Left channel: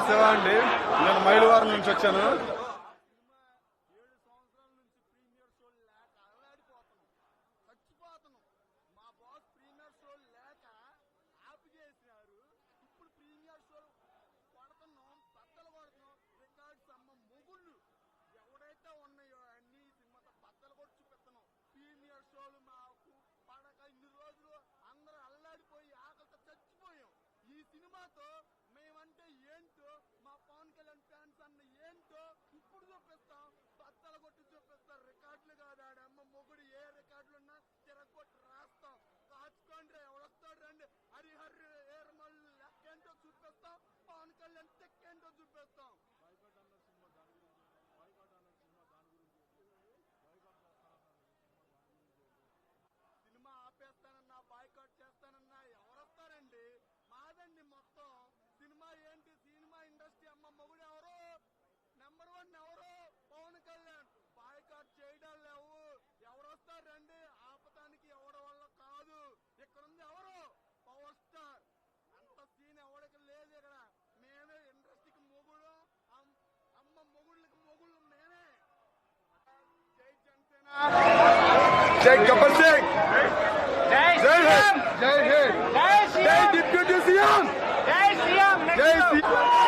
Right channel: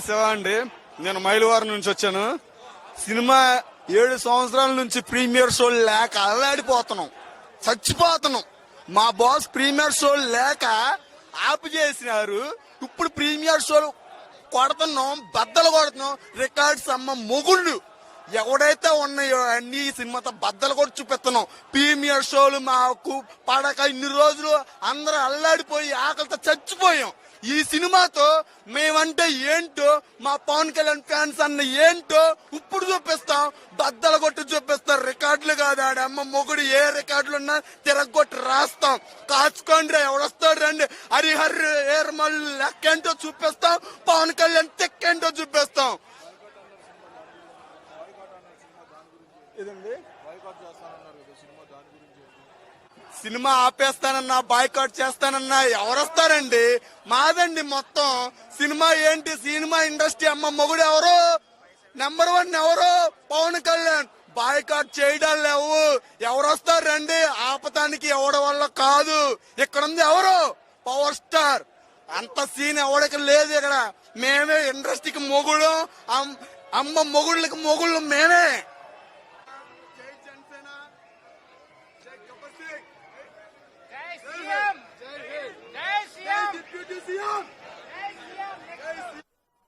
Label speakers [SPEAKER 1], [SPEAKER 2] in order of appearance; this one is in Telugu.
[SPEAKER 1] కదా అండి? నేను మైలవరం నుంచి వచ్చాను. సినిమా ఏడు సంవత్సరాల నుంచి ప్రీమియర్ షో లేక అల్లాడిపోతున్నాం. చచ్చిపోతున్నాం. మా బాస్ ప్రీమియర్ షో లేక ఆపు చేసినారు. ఇప్పుడు ప్రీమియర్ షోలు కొడుతున్నాం బద్దలు కొడుతున్నాం. రికార్డ్స్ అమ్మ మొగుళ్ళు. ఎవడైతే ఉన్నాయో అన్ని సినిమాతో బద్దలు కూడా చూపిస్తున్నాం. ప్రీమియర్ షోలు మాకు పడక ఇన్ని రోజులు అందరూ అల్లాడిపోయి ఆకలితో చచ్చిపోయాం. ఈ సినిమాతో మేమంటే ఏంటో మా పవన్ కళ్యాణ్ ఫ్యాన్స్ అన్న ఏంటో ఇప్పుడు చూపిస్తాం. బద్దలు కొట్టి చూపిస్తాం రికార్డులు కాదు ఆడ. అమ్మ మొగుడు ఏ రికార్డులు ఉన్నా తిరగొట్టి రాస్తాం. కాచుకోండి రా, ఎవడొస్తాడు రండి. హరిహర్ ఏర్మల్ లెక్కేంటో చూపిస్తాం. పవన్ కళ్యాణ్ తెక్కేంటో చూపిస్తాం. ఇదండి. Cinema ఆపేస్తానన్నా boycott చేస్తానన్నా ఎవరొస్తారండి? మాదండి మొత్తం. సినిమా ఏంటి? సినిమా ఇండస్ట్రీ అమ్మ మొగుడు ఎవరు? నెంబర్ వన్ ఎవరు? పవన్ కళ్యాణ్. బాయ్కాట్ చేయడం లేవు. ఎవరొస్తారు రండి ఆపటానికి ఎవడ వల్ల కాదు. ఇక్కడ ఉంది ఎవరు? పవర్ స్టార్ అంత సీన్ ఎవడికి లేదు ఇక్కడ. మేమే ఇండస్ట్రీకి మొగుడు అమ్- అమ్మ మొగుళ్ళకి మొగుళ్ళు మేమే. జై జనసేన. జై గబ్బర్ సింగ్
[SPEAKER 2] జై
[SPEAKER 1] జై
[SPEAKER 2] శ్రీరామ్
[SPEAKER 1] హింద్ జై హింద్
[SPEAKER 2] జై
[SPEAKER 1] జై
[SPEAKER 2] శ్రీరామ్